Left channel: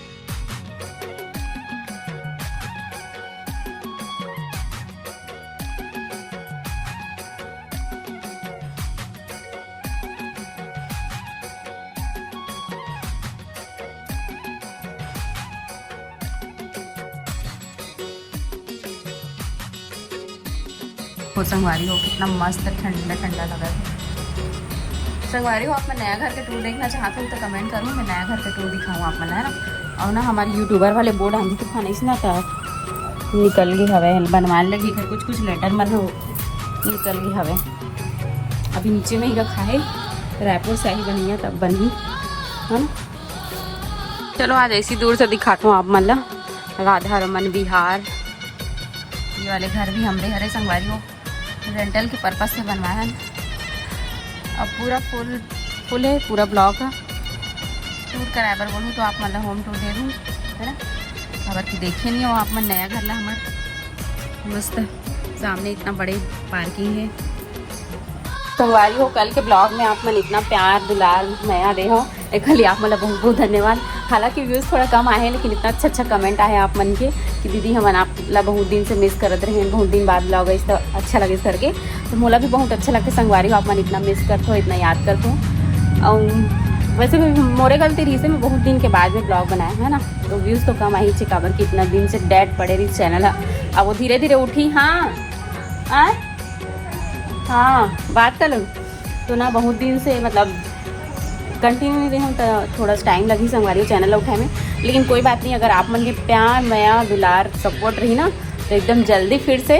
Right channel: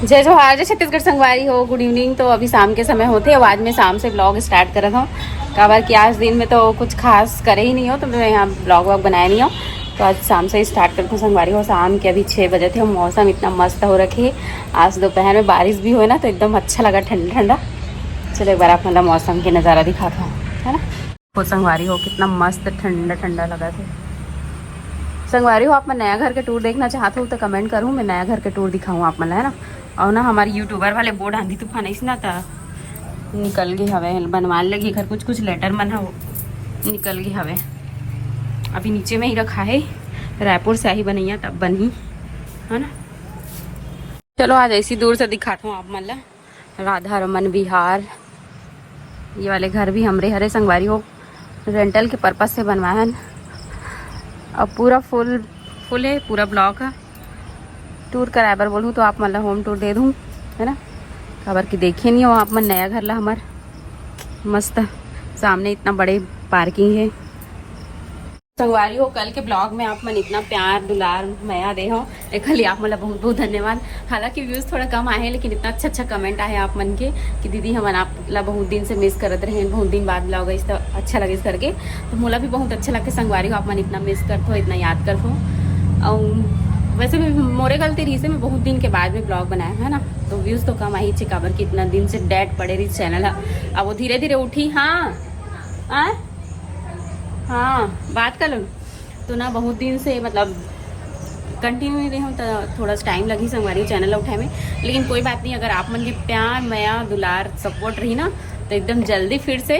जय जोहार, जय छत्तीसगढ़ संगवारी हो। Good evening. तो अभी शाम के समय होते अब आज मैं शाम से ब्लॉग स्टार्ट कर रहा हूँ। काबर कि आज दिन में तो कुछ खास करे ही नहीं हो, तो मैं यहाँ ब्लॉग वॉग बनाया नहीं हो, तो आज शाम से ही स्टार्ट करती हूँ संगवारी हो। शाम के अभी 6 बजे थे। मौसम इतना मस्त हो रखे। आज दोपहर में बारिश भी हो ना, तो एकदम अच्छा लगा, ठंडा ठंडा। चलो एक बार आप मतलब मौसम के नज़ारा दिखाता हूँ, है ना। वो संगवारी हो कितना मस्त ठंडा ठंडा लगा था। संगवारी हो, आप मैं नया घर के टूर देखना चाहता हूँ तो कमेंट करूँ, मैं नया घर के टूर दिखाऊँ आप मन, है ना। और ना हमारे यूट्यूबर वाले बोर्ड आंधी तूफान ऐसे ना था निकल गई हवे बनवाने लगी घर कुछ लेटर मन हो निकल गई हवे। अभी नीचे में ही रखा है, रायपुर से ही बनी है तब बनी, है ना। चलो आज ऐसी दूर से दिखाता हूँ आप मतलब राधा रमन विहार। ये वाले घर भी हमरे हरे संगवारी हो रेंटल के पर्पज से बनवाया है। अब पूरा फुल है, पूरा ब्लॉक है। टूर कराबर बोलूँ तो आप मतलब होम टूर दे दूँ, है ना। खबर की देखे नहीं हो आप मन नया घर ला हमार मस्त सामने इतना बड़े पार्किंग है। संगवारी हो कल के ब्लॉग में आप मन इतना प्यार दुलार माया दे हो, एक लिए आप मतलब बहुत बहुत धन्यवाद। हालांकि व्यूज़ थोड़ा कम आए हैं, लेकिन इतना अच्छा कमेंट आए आप मन के कि दीदी हम आप ला बहुत दिन से मिस करते रहे, बहुत दिन बाद ब्लॉग इस तो अच्छा लगे करके, तो मोला भी बहुत अच्छा लगे। संगवारी हो आप मन इतना मिस करते हो, इतना याद करते हो। और वैसे भी मोरे गलती रही से मैं बहुत दिन के बाद में ब्लॉग बनाया, है ना। तो व्यूज़ तो कम आई चिकाबर की इतना दिन से डेड पड़े रही चैनल है। अब वो धीरे धीरे उठी। हाँ हाँ बात कर लो। तो ना बहुत दिन से मतलब कंटिन्यू नहीं रही हूँ, तो थोड़ा टाइम लगी संगवारी चैनल उठाए में, लेकिन कोई बात नहीं। अगर आप मन के प्यार माया दुलार सपोर्ट रही ना, तो एकदम जल्दी फिर से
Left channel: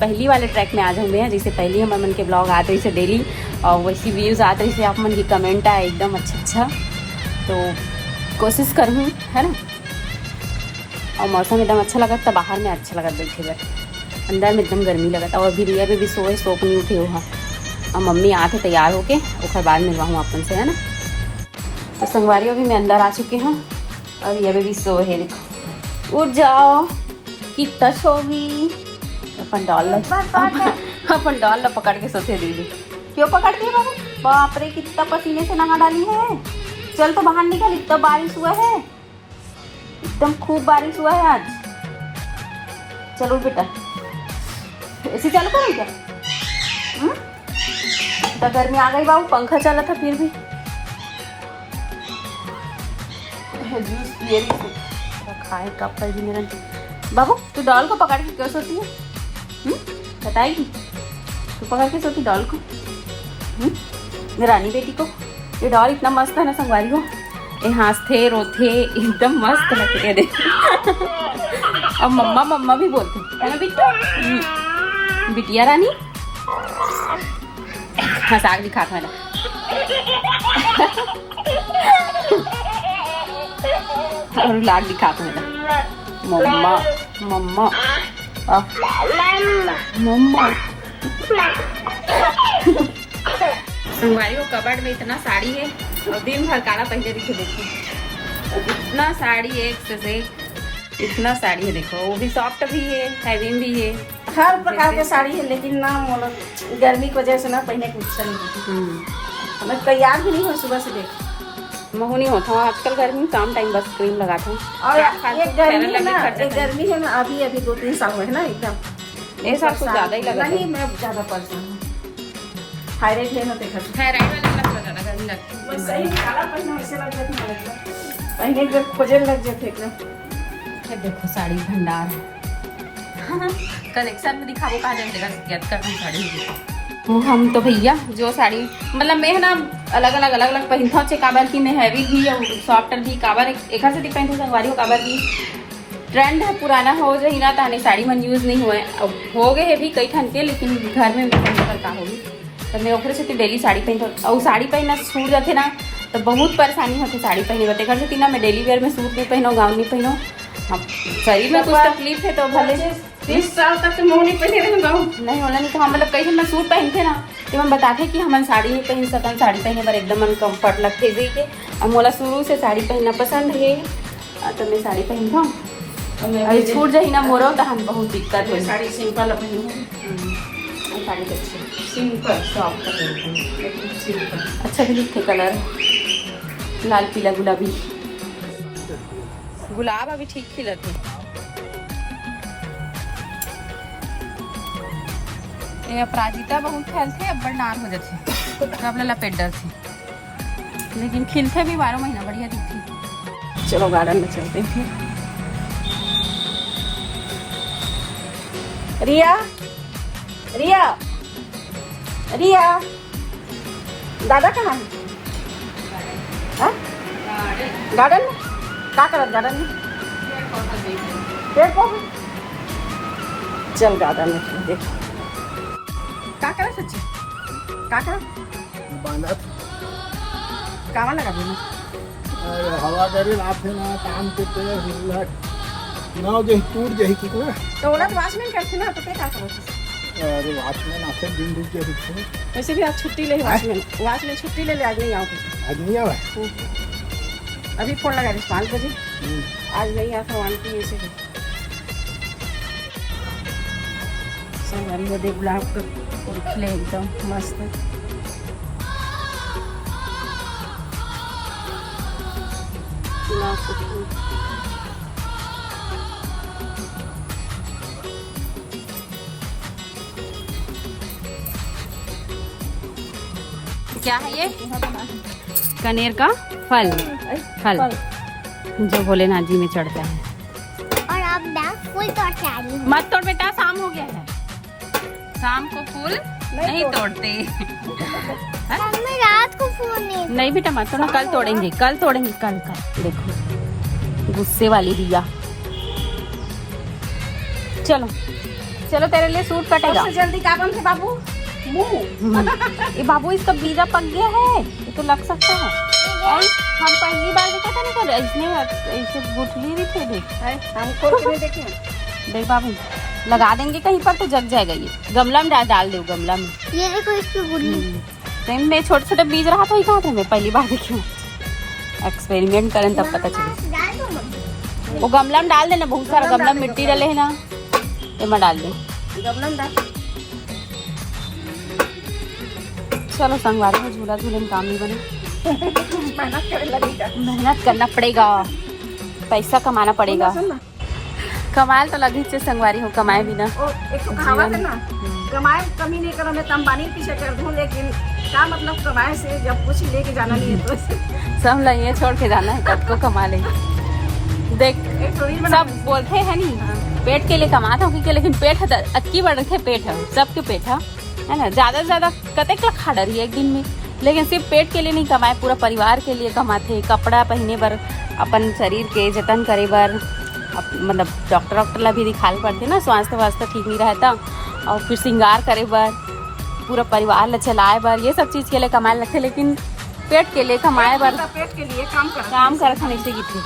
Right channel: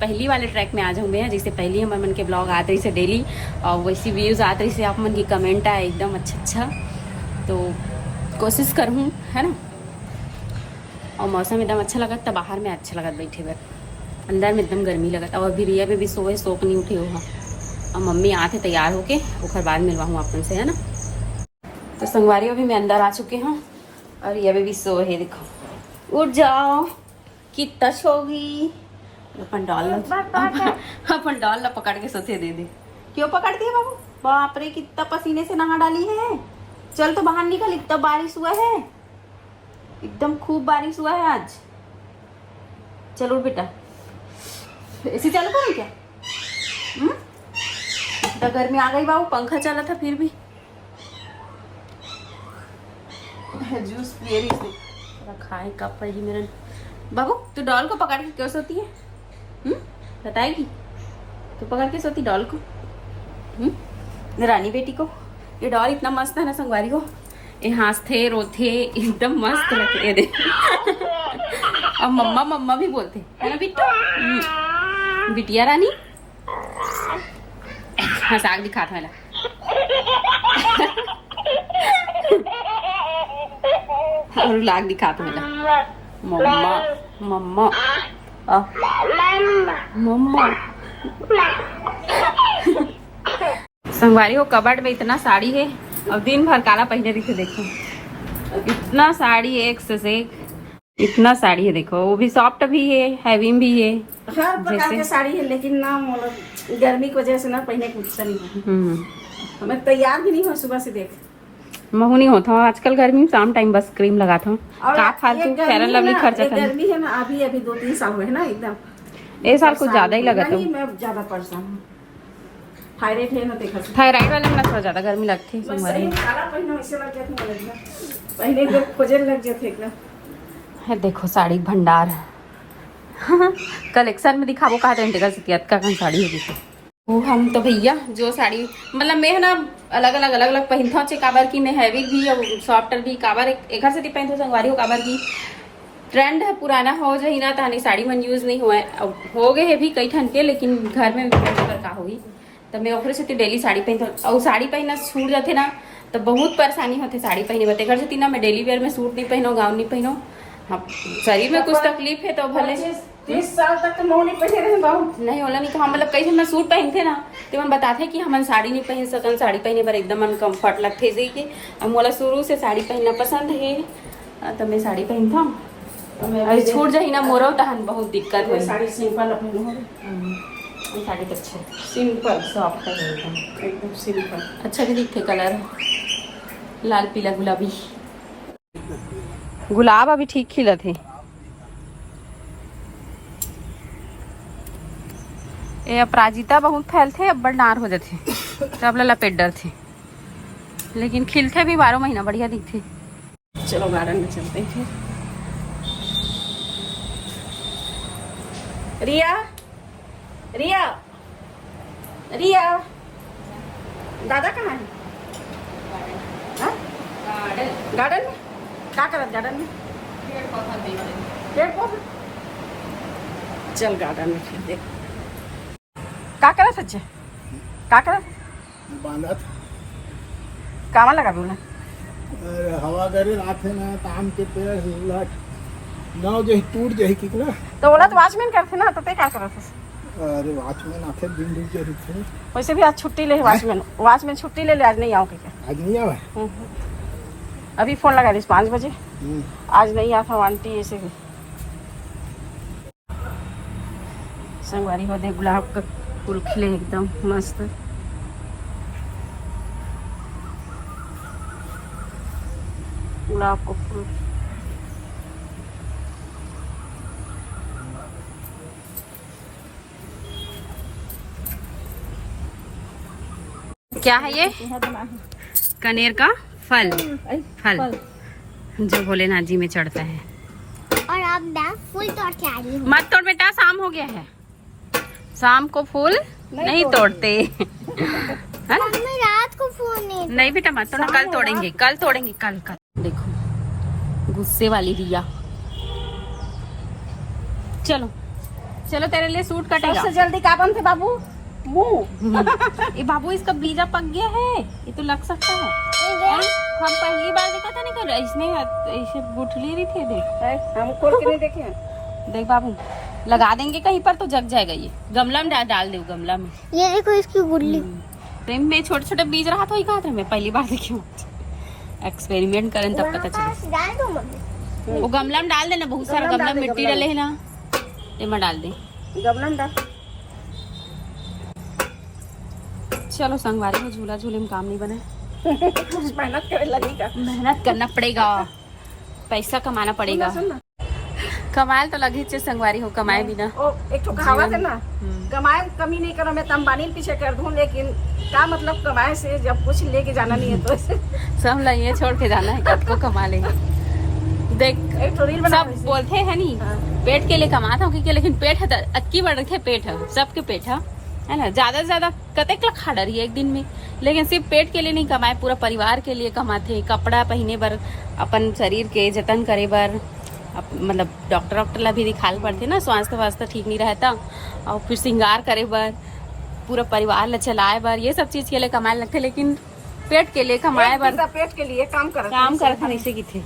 पहली वाले ट्रैक में आ जाऊँ मैं। जैसे पहली हमारे मन के ब्लॉग आते रही से डेली, और वैसी व्यूज़ आते रही से आप मन की कमेंट आए एकदम अच्छा। तो कोशिश करूँ, है ना। और मौसम एकदम अच्छा लगा था, बाहर में अच्छा लगा बैठे बैठ, अंदर में एकदम गर्मी लगा था। और अभी रिया भी सोए सोख नहीं उठे हो। और मम्मी आते तैयार होके उसके बाद मिलवाऊँ अपन से, है ना। तो संगवारी अभी मैं अंदर आ चुके हैं और रिया भी सोए है। देखो उठ जाओ, कितना सोगी। अपन डॉल पकड़ के सोते दीदी। क्यों पकड़ती है बाबू? बाप रे कितना पसीने से नहा डाली है। चल तो बाहर निकल, इतना बारिश हुआ है, एकदम खूब बारिश हुआ है आज। चलो बेटा, एसी चालू करूँ क्या? इतना गर्मी आ गई बाबू, पंखा चला था फिर भी। जूस पिए रही से खाए कप पर भी मेरा। बाबू तू डॉल को पकड़ के क्यों सोती है? बताएगी? तू पकड़ के सोती डॉल को? रानी बेटी को। ये डॉल इतना मस्त है ना संगवारी हो, ये हंसते रोते एकदम मस्त लगते है। अब मम्मा मम्मा भी बोलते है ना बिट्टू, बिटिया रानी। हंसाक दिखाता है ना। और लाग दिखाता है ना मम्मा मम्मा मम्मा। संगवारी हो कबर्ड में इतना साड़ी है, और दिन भर काला पहने रही थी। देखिए इतना साड़ी एक से इतना साड़ी है। देखो वो भी सॉफ्ट भी है, हैवी भी है, हर प्रकार के साड़ी है, लेकिन ना गर्मी की वजह से ना पहने कुछ नहीं होती। मैं तैयार भी नहीं हूँ सुबह से। देख महू नहीं होता आजकल गर्मी में, शाम टाइम बस क्रीम लगाता हूँ। और ये गर्मी है ना, अभी 2-3 साल हुए है ना, एकदम एक साल कुछ ज्यादा ही लगा। नहीं मैं ज्यादा परेशान हूँ, थायराइड है ना। देखा थायराइड वाले में थोड़ा ज्यादा गर्मी लगती है। पहले जब खोजे लग जाते एकदम। देखो साड़ी भंडार है। कलेक्शन में दिखाबो कहा था साड़ी है। वो हम तो भैया जो साड़ी मतलब मैं है ना अलग अलग पहनता हूँ। काबर की मैं हैवी भी और सॉफ्ट भी काबर एक से पहनती हूँ संगवारी हो। काबर की ट्रेंड है, पुराना हो जाए ना ताने साड़ी मन यूज़ नहीं हुए। अब हो गए है भी कई खन के, लेकिन घर में पहनने पर का होगी। तो मैं ओखरे से डेली साड़ी पहनता हूँ। और साड़ी पहनना छूट जाते ना तो बहुत परेशानी होती साड़ी पहने बते। घर से ना मैं डेली वेयर में सूट नहीं पहनो, गाउन नहीं पहनो। हाँ शरीर में कुछ तकलीफ है तो भले 30 साल तक तो नहीं पहने रहे बाबू। नहीं होला नहीं तो हम मतलब कई मैं सूट पहनते ना, तो हम बताते कि हम साड़ी नहीं पहन सकन। साड़ी पहने पर एकदम अनकम्फर्ट लगते जी के। और मोला शुरू से साड़ी पहनना पसंद है, तो मैं साड़ी पहनता हूँ। अभी छूट जाही ना मोरो तो हम बहुत दिक्कत हो। साड़ी सिंपल अपनी साड़ी तो अच्छी सिंपल सॉफ्ट है एकदम सिंपल। अच्छा भी दिखते कलर लाल पीला गुलाबी। गुलाब अभी ठीक खिला थे। ये अपराजिता बहुत फैलते अब बड़ नार हो जाते तब ला लपेट डर थे, लेकिन खिलते भी 12 महीना बढ़िया दिखती। चलो गार्डन में चलते हैं फिर। रिया रिया रिया दादा कहाँ है? हाँ? गार्डन में क्या करत? गार्डन में पेड़ पौधे। चल गार्डन में फिर देख क्या करत? सच्चे क्या करत? बांधत कामा लगा दूँ अरे हवा करे राते ना काम के पेड़ हिलत नाव जही टूट जही किकला। तो बोला तो वॉचमैन करते ना, तो पे क्या करो? अरे वॉचमैन आते दिन दिन जही थे। वैसे भी आज छुट्टी ले वॉचमैन छुट्टी ले आज नहीं आओ। आज नहीं आवे। अभी फोन लगा दी 5 बजे, आज नहीं आता वालती ऐसे भी। संगवारी हो दे गुलाब का फूल खिले एकदम मस्त। गुलाब का फूल क्या है ये? कनेर का फल जो भोलेनाथ जी में चढ़ता है। और अब मैं फूल तोड़ के आ रही हूँ। मत तोड़ बेटा, शाम हो गया है, शाम को फूल नहीं तोड़ते। मम्मी रात को फूल नहीं बेटा मत तोड़ना, कल तोड़ेंगे कल। देखो गुस्से वाली दिया। चलो चलो तेरे लिए सूट कटेगा। सबसे जल्दी क्या काम थे बाबू? मुँह ये बाबू इसका बीजा पक गया है, ये तो लग सकता है। हम पहली बार देखा था ना, इसने ऐसे गुठली भी थे। देख हम खोल के नहीं देखे। देख बाबू लगा देंगे कहीं पर तो जग जाएगा। ये गमला में डाल दो, गमला में। ये देखो इसकी गुल्ली। में छोटे छोटे बीज रहा था, कहाँ थे? मैं पहली बार देखी हूँ। एक्सपेरिमेंट करें तब पता चले। वो गमला में डाल देना, बहुत सारा गमला में मिट्टी डले है ना, इसमें डाल दे। गमला में डाल। चलो संगवारी में झूला झूले में काम नहीं बने। मेहनत करे लगेगा। मेहनत करना पड़ेगा, पैसा कमाना पड़ेगा। कमाल तो लगी चाहिए संगवारी हो, कमाए भी ना। एक तो कहावत है ना, कमाए कमी नहीं करो, मैं तो अंबानी पीछे कर दूं, लेकिन क्या मतलब कमाए से जब कुछ लेके जाना नहीं है तो सब लइए छोड़ के जाना है, कब को कमा ले। देख सब बोलते हैं नहीं पेट के लिए कमाता हूँ क्योंकि, लेकिन पेट है अक्की बढ़ रखे, पेट है सबके पेट है ना। ज्यादा से ज्यादा कतेक ला खा रही है एक दिन में, लेकिन सिर्फ पेट के लिए नहीं कमाए, पूरा परिवार के लिए कमाते। कपड़ा पहने बर, अपन शरीर के जतन करे बर, मतलब डॉक्टर ला भी दिखाल पड़ते ना, स्वास्थ्य वास्ते ठीक नहीं रहता। और फिर श्रृंगार करे बर, पूरा परिवार ला चलाए बर, ये सब चीज के लिए कमाए लगते। लेकिन पेट के लिए कमाए बर, पेट के लिए काम करत नहीं से किथे।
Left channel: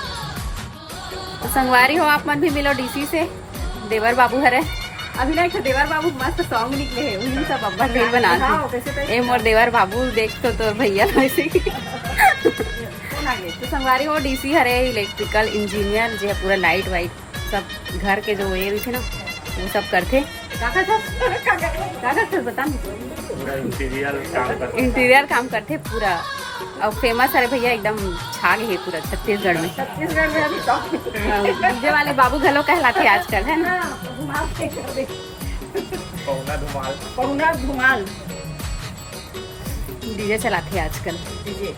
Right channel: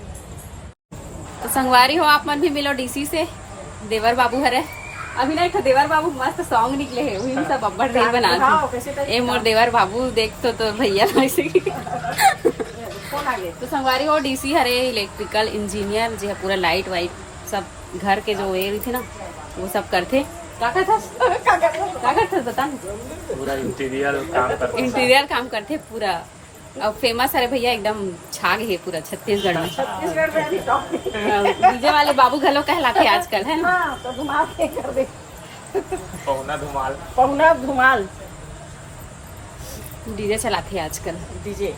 तो संगवारी हो आप मन भी मिलो डीसी से, देवर बाबू हरे अभी नहीं। देवर बाबू मस्त सॉन्ग निकले है, वही सब अब्बड़ रील बनाते। ए मोर देवर बाबू देख तो भैया ऐसे तो संगवारी हो डीसी हरे इलेक्ट्रिकल इंजीनियर जो है, पूरा लाइट वाइट सब घर के जो ये थे ना वो सब करते। क्या करते बता। इंटीरियर काम करते पूरा, और फेमस है भैया एकदम छा गए है पूरा छत्तीसगढ़ में। डीजे वाले बाबू घलो कहलाते आजकल है ना। पहुना धुमाल डीजे चलाते आजकल। डीजे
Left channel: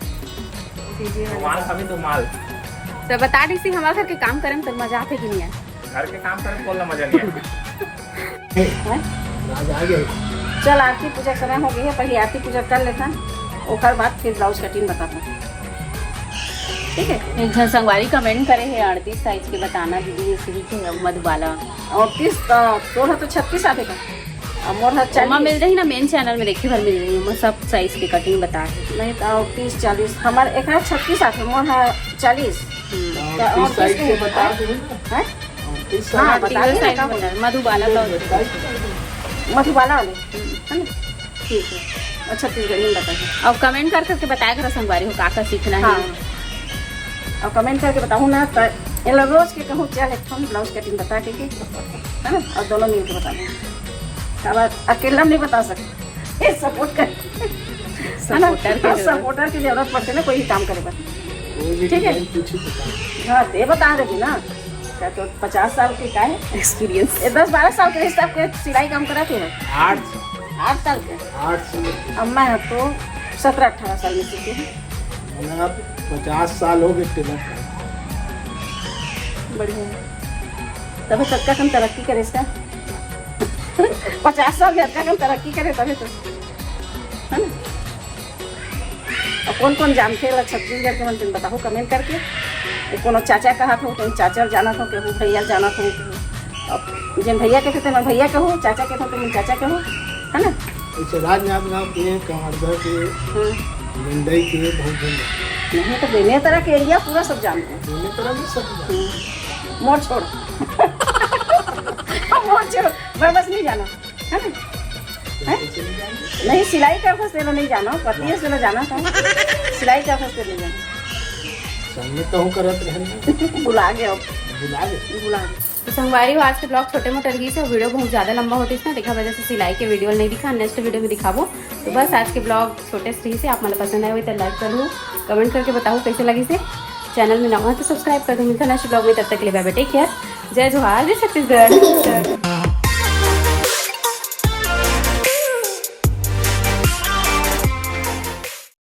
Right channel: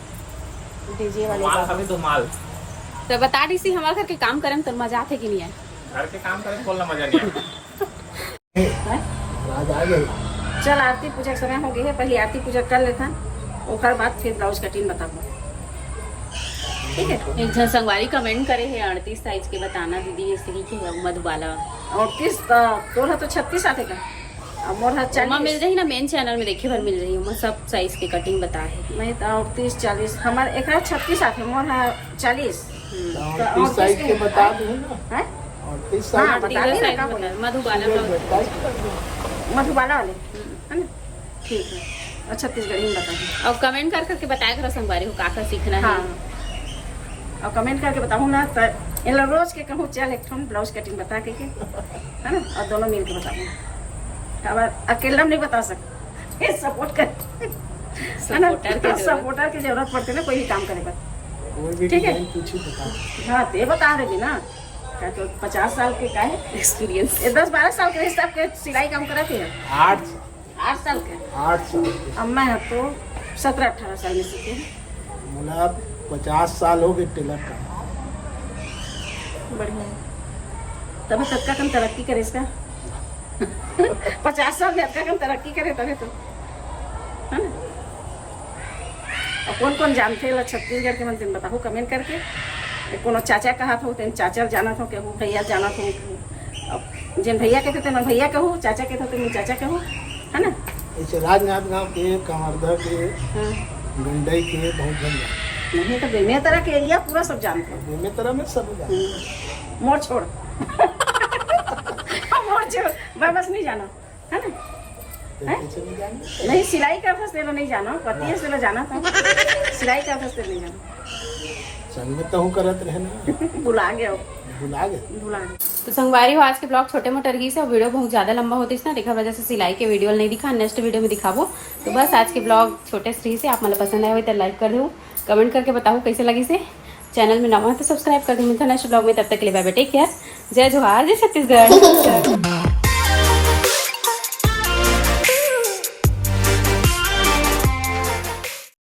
तो बता डीसी हमारे घर के काम करे तो मजा आते कि नहीं है? घर के काम करे बोलना मजा नहीं है। आज आ गए। चल आरती पूजा समय हो गई है, पहले आरती पूजा कर लेता, ओकर बाद फिर ब्लाउज कटिंग बताता। ठीक है। एक जन संगवारी कमेंट करे है 38 साइज के बताना दीदी, इसकी के मधुबाला 38 तोर तो 36 आते का, और मोर 40 मिल जाए ना। मेन चैनल में देखी भर मिल रही है, सब साइज की कटिंग बता के। नहीं तो 38 40 हमारे एक 36 आते, मोर 40 साइज के बता दूं ना। है 38 हाँ बता दी ना, का मधुबाला मधुबाला वाले है ना। ठीक है, और छत्तीसगढ़ी में बताइए, और कमेंट कर सकते बताया करो संगवारी हो का सीखना है। हाँ और कमेंट करके बताऊँ ना, तो इन लोग रोज के कहूँ चल एक ब्लाउज कटिंग बता के है ना, और दोनों मिल के बता दूँ। अकेला नहीं बता सकते, सपोर्ट कर है ना, सपोर्टर की जरूरत पड़ती है ना कोई भी काम करे पर। कोई भी ठीक है। डिजाइन पूछी बता। हाँ ते बता रही ना क्या तो 50 साल के का है एक्सपीरियंस। 10-12 साल के हिसाब के सिलाई काम कराते हैं 8 8 साल के 8 अम्मा है तो 17-18 साल में सीखे हैं। मतलब 50 साल हो गए टेलर का। बढ़िया है तभी तक का कम तरक्की करे इसका 50 साल में अच्छा कम तरक्की करे तभी तो है ना। और कौन कौन जानते हैं छत्तीसगढ़ के मंदिर बताओ कमेंट करके। कोनो चाचा कहा था तो चाचा जाना था कहूँ भैया जाना था कहूँ। अब जिन भैया कहते थे मैं भैया कहूँ चाचा कहते थे मैं चाचा कहूँ है ना। ऐसे राजनाथ गाँव के कवर्धा के हाँ गंडई के बहुत जन नहीं तो बेमे तरह के एरिया पूरा सब जानते हैं। दोनों तरह में सब जाते मोड़ छोड़ मोड़ छोड़ मैं बस नहीं जाना है ना। हैं। कैसे नहीं जानते? नहीं सिलाई का फंस तेरा नहीं जाना पति से जाना था सिलाई का फंस तेरा नहीं जाना संग में तो हूँ करत रहना बुला गया भुला गए। बुला गया। तो संगवारी हो आज के ब्लॉग छोटे मोटे रही से वीडियो बहुत ज़्यादा लंबा होती है ना देखा वजह से सिलाई के वीडियो नहीं दिखा नेक्स्ट वीडियो में दिखाबो। तो बस आज के ब्लॉग छोटे से रही से आप मतलब पसंद आए हुए तो लाइक कर दो कमेंट करके बताओ कैसे लगी से। चैनल में नवा है तो सब्सक्राइब कर दो। मिलता नेक्स्ट ब्लॉग में तब तक के लिए बाय बाय टेक केयर। जय जोहार जय छत्तीसगढ़।